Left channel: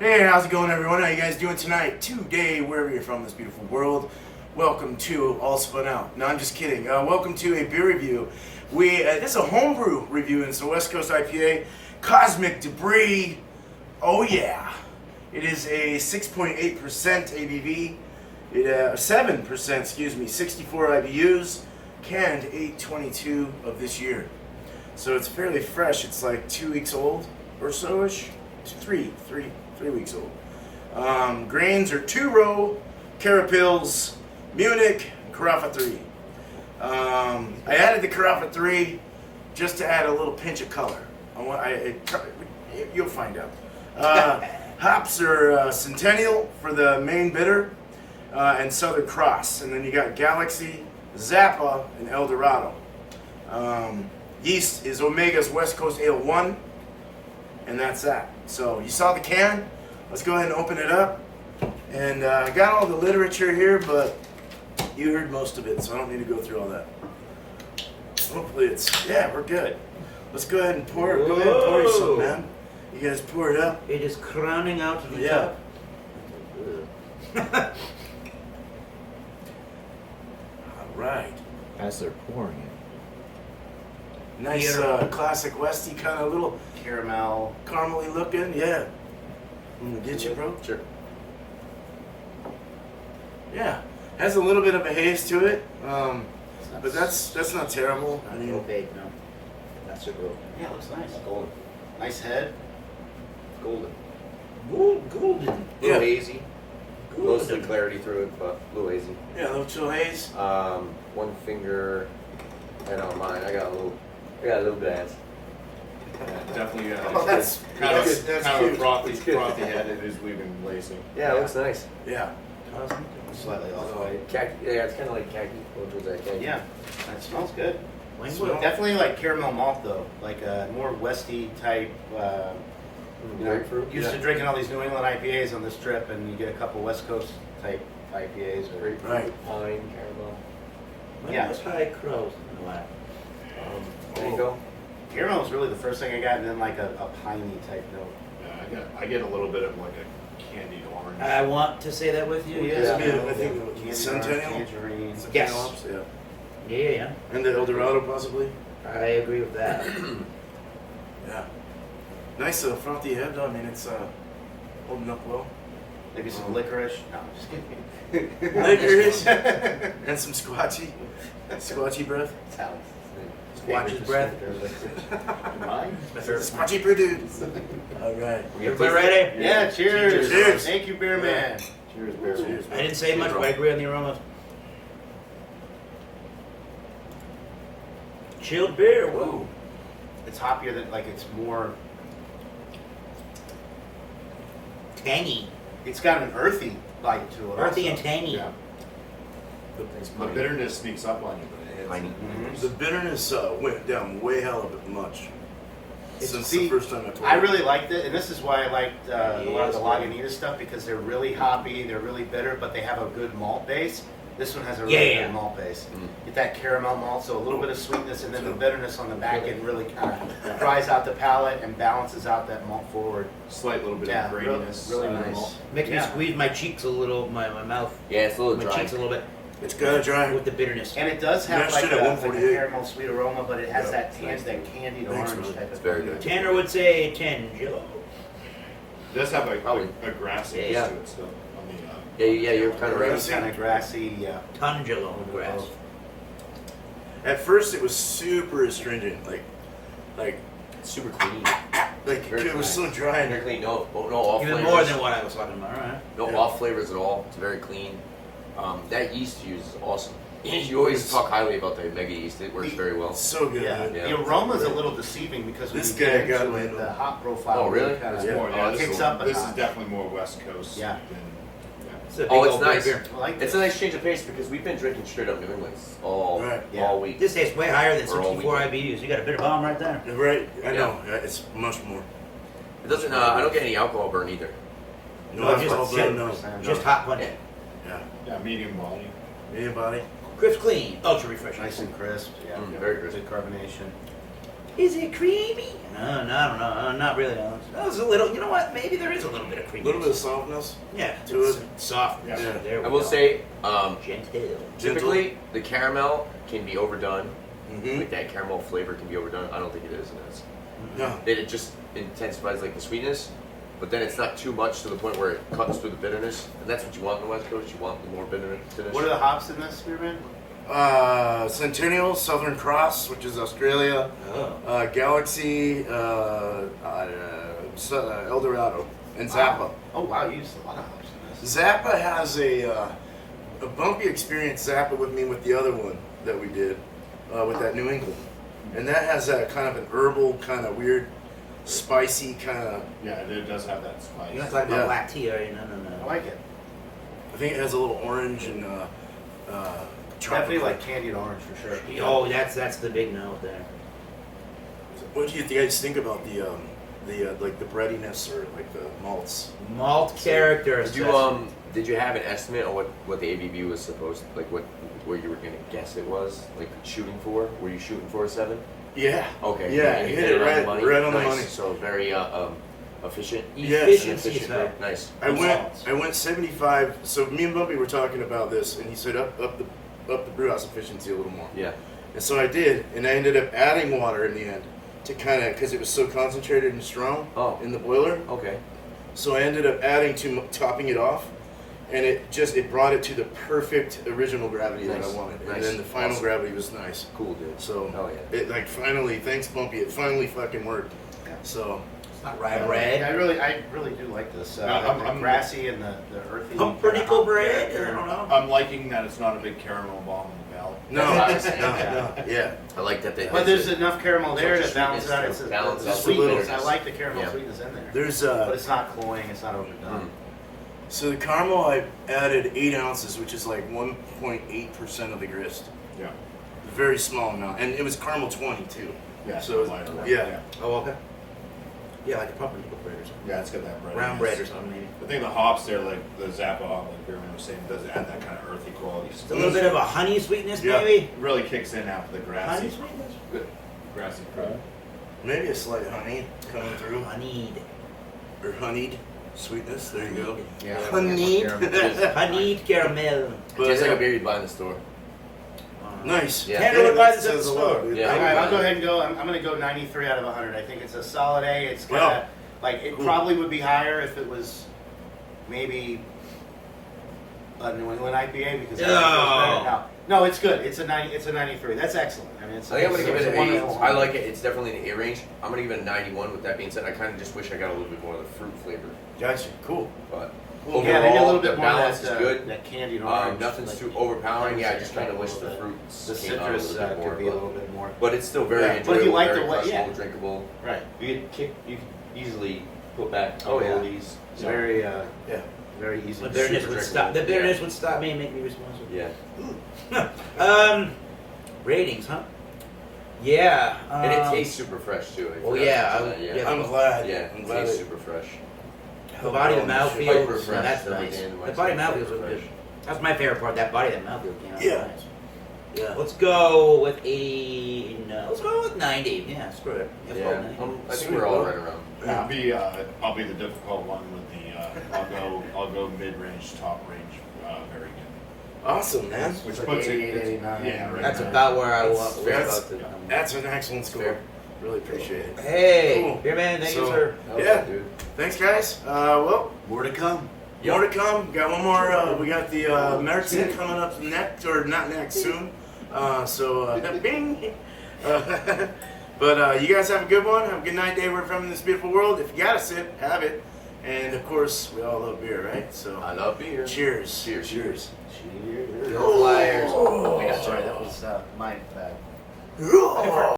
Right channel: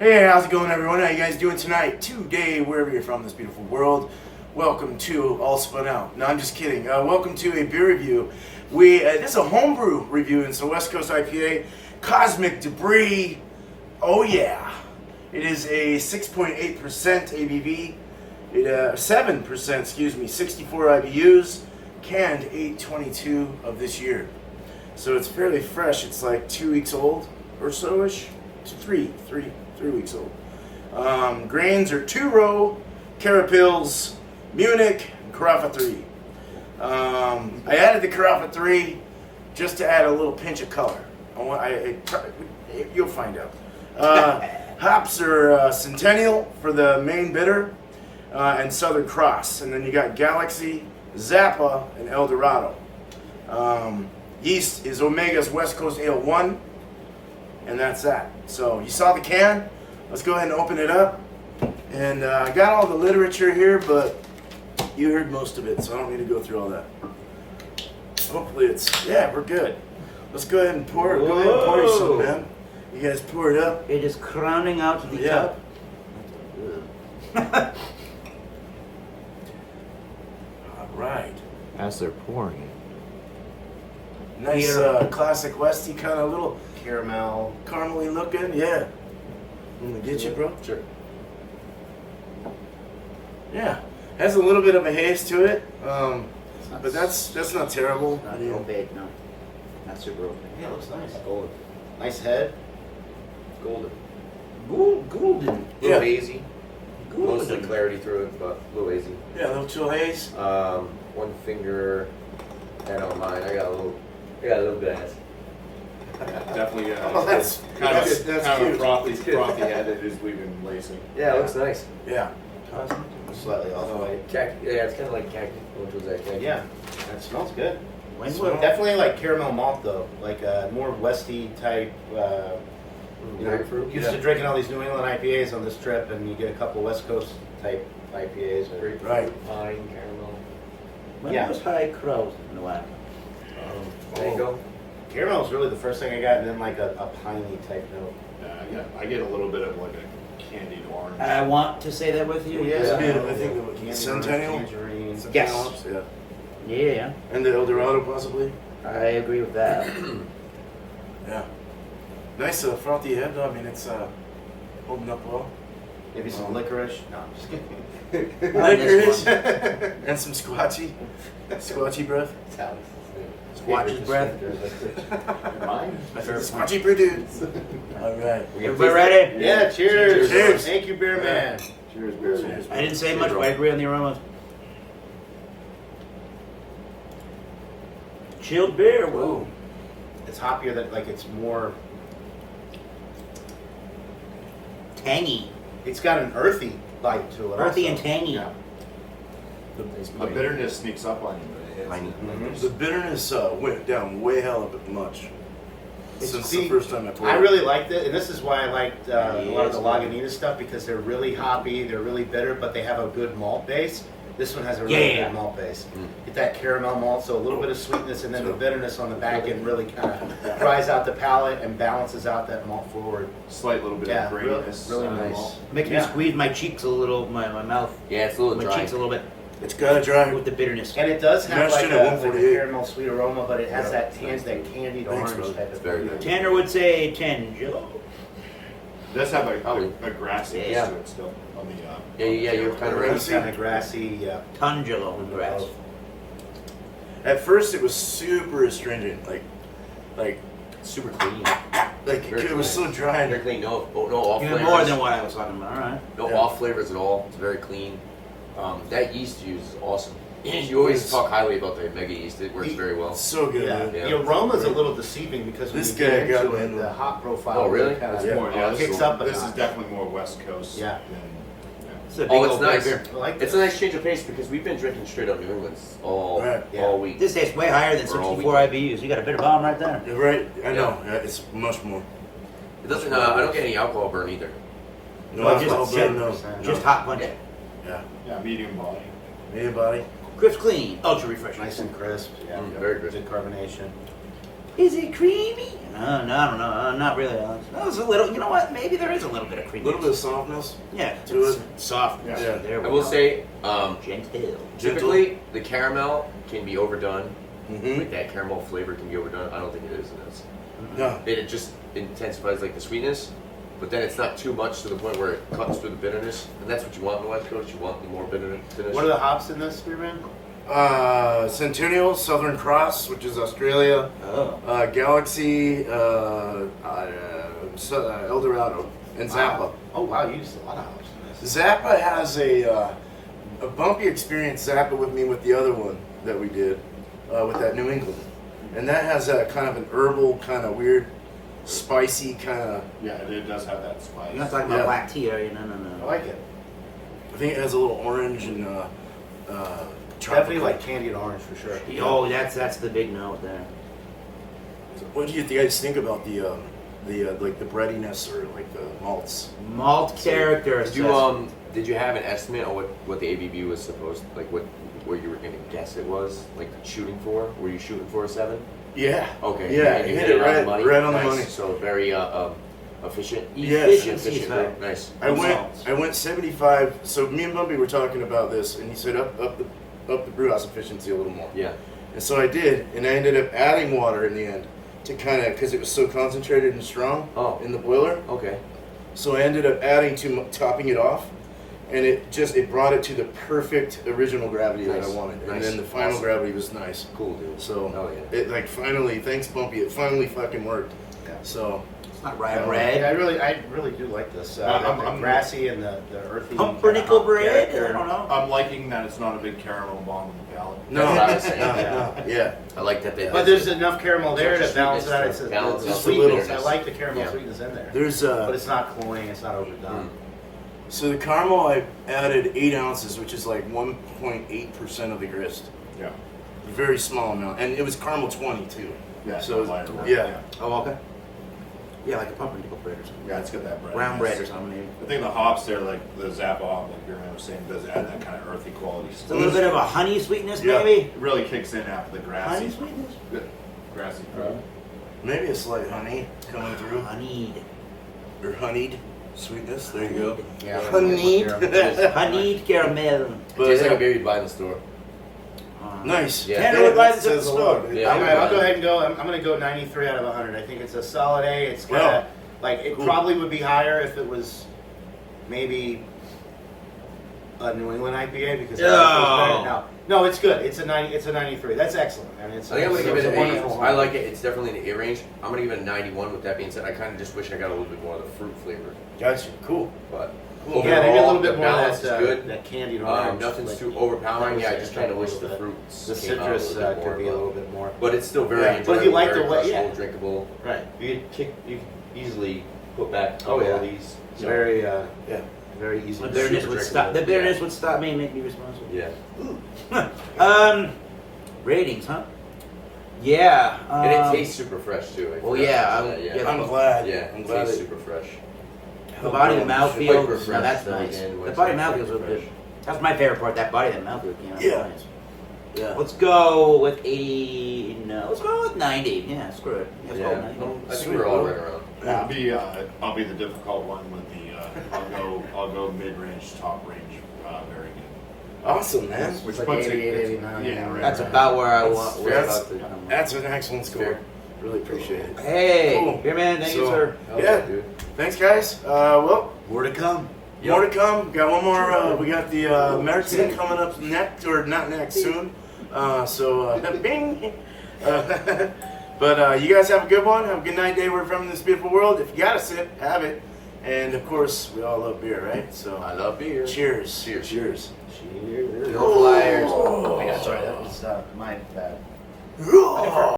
Hey, how's it going, everyone? How you guys doing tonight? Today, wherever you're from, this beautiful world, welcome to All Spun Out. No, I'm just kidding. Welcome to a beer review. This is a homebrew review, and it's a West Coast IPA, COSMIK DEBRIS. Oh yeah, it is a 6.8% ABV, 7%, excuse me, 64 IBUs, canned 8/22 of this year. So it's fairly fresh. It's like 2 weeks old or so-ish. Three weeks old. Grains are 2-row, Carapils, Munich, and Carafa 3. I added the Carafa 3 just to add a little pinch of color. You'll find out. Hops are Centennial for the main bitter, and Southern Cross. And then you got Galaxy, Zappa, and El Dorado. Yeast is Omega's West Coast Ale 1, and that's that. So you saw the can. Let's go ahead and open it up. And I got all the literature here, but you heard most of it, so I don't need to go through all that. Hopefully we're good. Let's go ahead and pour it. Go ahead and pour you some, man. You guys pour it up. It is crowning out to the top. All right. As they're pouring it. Nice classic Westy kind of little caramely looking. Yeah. I'm gonna get you, bro. Sure. Yeah. Has a little bit of a haze to it, but that's not terrible. Not opaque, no. Not super opaque. Yeah, it looks nice. Golden. Nice head. Golden. Golden. A little hazy. Golden. Mostly clarity through it, but a little hazy. Yeah, a little chill haze. One finger. And on mine, I got a little bit of ass. Definitely, Oh, that's kind of cute. frothy headed as we've been lacing. Yeah, it looks nice. Yeah. Slightly off-white. Khaki. Yeah, it's kind of like khaki. Which was that khaki? Yeah, it smells good. Smell. Definitely like caramel malt though, like more Westy type. Grapefruit. Used to drinking all these New England IPAs on this trip, and you get a couple West Coast type IPAs. Grapefruit, Right. pine, caramel. Yeah. Those high crows in the lab. There you go. Caramel was really the first thing I got, and then like a piney type note. Yeah, I get a little bit of like a candied orange. I want to say that with you. Yeah. Yeah. I think Candy Centennial? orange, tangerine. Yes. Hops, yeah. Yeah. And the El Dorado possibly. I agree with that. Yeah. Nice frothy head though. I mean, it's holding up well. Maybe some licorice. No, I'm just kidding. Licorice and some squatchy breath. Squatch's breath. Mine? Squatchy brew dudes. All right. Everybody ready? Yeah, cheers. Cheers. Thank you, Beer Man. Cheers, beer. Cheers. I didn't say much, but I agree on the aromas. Chilled beer. Whoa. It's hoppier than like it's more. Tangy. It's got an earthy bite to it. Earthy also. and tangy. Yeah. The bitterness sneaks up on you, but it hits. Piney. Mhm. The bitterness went down way hella bit much since See, the first time I poured I it. really liked it, and this is why I liked a lot of the Yes. Lagunitas stuff because they're really hoppy, they're really bitter, but they have a good malt base. This one has a really Yeah. good malt base. Mm. Get that caramel malt, so a little bit of sweetness, and then the bitterness on the back end really kind of dries out the palate and balances out that malt forward. Slight little bit Yeah, of really, graininess. really on the nice. malt. Making me Yeah. squeeze my cheeks a little, my mouth, Yeah, it's a little my dry. cheeks a little bit It's gotta dry. with the bitterness. And it does have Mashed like it a, at like a 148. caramel sweet aroma, but it has Yeah. that candied Thanks, orange brother. type of It's very thing. good. Tanner would say Tangelo. It does have Probably. a grassiness Yeah. to it still on the. Yeah, you're kind of right. It's kind of grassy, yeah. Tangelo in grass. At first, it was super astringent, like Super clean. Very it was so dry. Very clean. No off Even flavors. more than what I was talking about. All right. No Yeah. off flavors at all. It's very clean. That yeast you use is awesome. You always talk highly about the mega yeast. It works very well. So good. Yeah. man. Yeah. The aroma's a little deceiving because when This you get guy got into it, me. the hop profile Oh, really? kind It's of more, yeah, kicks up a This is notch. definitely more West Coast. Yeah. Than, It's a big Oh, it's old nice. beer. I like It's this. a nice change of pace because we've been drinking straight up New England's all Yeah. week. This tastes way higher than Or all 64 week. IBUs. You got a bitter bomb right there. You're right. I know. It's much more. It doesn't. I don't get any alcohol burn either. No Well, alcohol, just but no. 7%. Just hot punch. Yeah. yeah, medium body. Medium body. Crisp clean. Ultra refreshing. Nice and crisp. Yeah. Very crisp. Good carbonation. Is it creamy? No, not really. That was a little. You know what? Maybe there is a little bit of A creaminess. little bit of softness. Yeah, to it's it. soft. Yeah. There we I will go. say, Gentle. typically the caramel can be overdone. Mm-hmm. Like that caramel flavor can be overdone. I don't think it is. And it's, No. it just intensifies like the sweetness, but then it's not too much to the point where it cuts through the bitterness. And that's what you want in the West Coast. You want the more bitterness. What are the hops in this, Spearman? Centennial, Southern Cross, which is Australia, Oh. Galaxy, El Dorado, and Zappa. Oh wow, you used a lot of hops in this. Zappa has a bumpy experience. Zappa with me with the other one that we did with that New England, and that has a kind of an herbal, kind of weird, spicy kind of. Yeah, it does have that spice. You're not talking Yeah. about black tea, are you? No. I like it. I think it has a little orange and Definitely tropical. like candied orange for sure. Oh, that's the big note there. What do you guys think about the like the breadiness or like the malts? Malt character. Did you have an estimate on what the ABV was supposed like what you were gonna guess it was like shooting for? Were you shooting for a 7? Yeah. Okay. Yeah, you you hit it on the right, money? right on the Nice. money. So very efficient. Yes. Efficiency is Efficient, right. nice. I went Malts. 75. So me and Bumpy were talking about this, and he said up the brew house efficiency a little more. Yeah. And so I did, and I ended up adding water in the end to kind of because it was so concentrated and strong Oh. in the boiler. Okay. So I ended up adding to topping it off, and it brought it to the perfect original gravity that Nice. I wanted. Nice. And then the final Awesome. gravity was nice. Cool, dude. So Hell yeah. it like finally, thanks Bumpy, it finally fucking worked. Yeah. So It's not rye Yeah, bread. Yeah, I really do like this. I'm- The I'm- grassy and the earthy. Pumpernickel hop bread? character. I don't know. I'm liking that it's not a big caramel bomb in the palate. no, That's what I was saying. no, yeah. I like that they. But there's enough caramel there Such a to balance sweetness out. to It's balance the out the sweetness. I bitterness. like the caramel Yeah. sweetness in there. There's But it's not cloying. It's not overdone. So the caramel, I added 8 ounces, which is like 1.8% of the grist. Yeah. Very small amount, and it was caramel 20 too. Yeah. So lighter one. yeah. Oh, okay. Yeah, like a pumpernickel bread or something. Yeah, it's got that bread. Brown bread or something, maybe. I think the hops there, like the Zappa hop, like Beerman was saying, does add that kind of earthy quality. It's a little bit of a honey sweetness, Yeah. maybe. It really kicks in after the grassy, Honey sweetness. grassy fruit. Maybe a slight honey coming through, Honeyed. or honeyed sweetness. There you go. Yeah. Honeyed. Honeyed caramel. But Just like yeah, a baby buying the store. nice. Yeah. Can't really buy this at the says a lot, store. dude. Yeah. All right, I'll go ahead and go. I'm going to go 93 out of 100. I think it's a solid A. It's got Wow. like it Cool. probably would be higher if it was maybe a New England IPA because I think it was better. No, it's good. It's a 90. It's a 93. That's excellent. I mean, it's. I think I'm gonna give it's it a an wonderful 80. I like it. It's definitely in the A range. I'm gonna give it a 91. With that being said, I kind of just wish I got a little bit more of the fruit flavor. Gotcha. Cool. But Cool. Yeah, maybe a little bit the more of balance that, is good. that candied orange. Nothing's like too overpowering. Yeah, I just kind of wish the the fruits The came out a citrus little bit more, could be a but- little bit more. But it's still very Yeah. enjoyable. But if you like very the way- crushable, yeah. drinkable. Right. You could easily put back Oh, all yeah. of these. It's very, Yeah. very easy. The to bitterness super would drink. stop. The bitterness would stop me and make me responsible. Yeah. Ratings, huh? Yeah. And it tastes super fresh too. I well, forgot yeah, to I'm- mention that, yeah. I'm glad. Yeah, I'm it glad tastes it super fresh. The body of Hyper mouthfeel. fresh, No, that's every nice. day in The West body of Coast, mouthfeel is hyper really good. fresh. That's my favorite part. That body of mouthfeel came out. Yeah. Nice. Yeah. Let's go with 80. No, let's go with 90. Yeah, screw it. Let's go Yeah, with 90. I think we're all right around. I'll be the difficult one with the. I'll go mid range, top range, very good. Awesome, man. Which like puts 88, it. 89. Yeah, right. That's about where I was That's- about to come. That's an excellent score. Fair. Really appreciate it. Hey, Cool. here, man. Thank you, So- sir. Yeah. dude. Thanks, guys. Well, More to come. more to come. Got one more. We got the American coming up next, or not next, soon. Bing. But you guys have a good one. Have a good night, day, wherever from in this beautiful world. If you got a sip, have it. And of course, we all love beer, right? So, I love beer. cheers. Cheers. Cheers. Cheers. Go Flyers. That's right. That was my bad.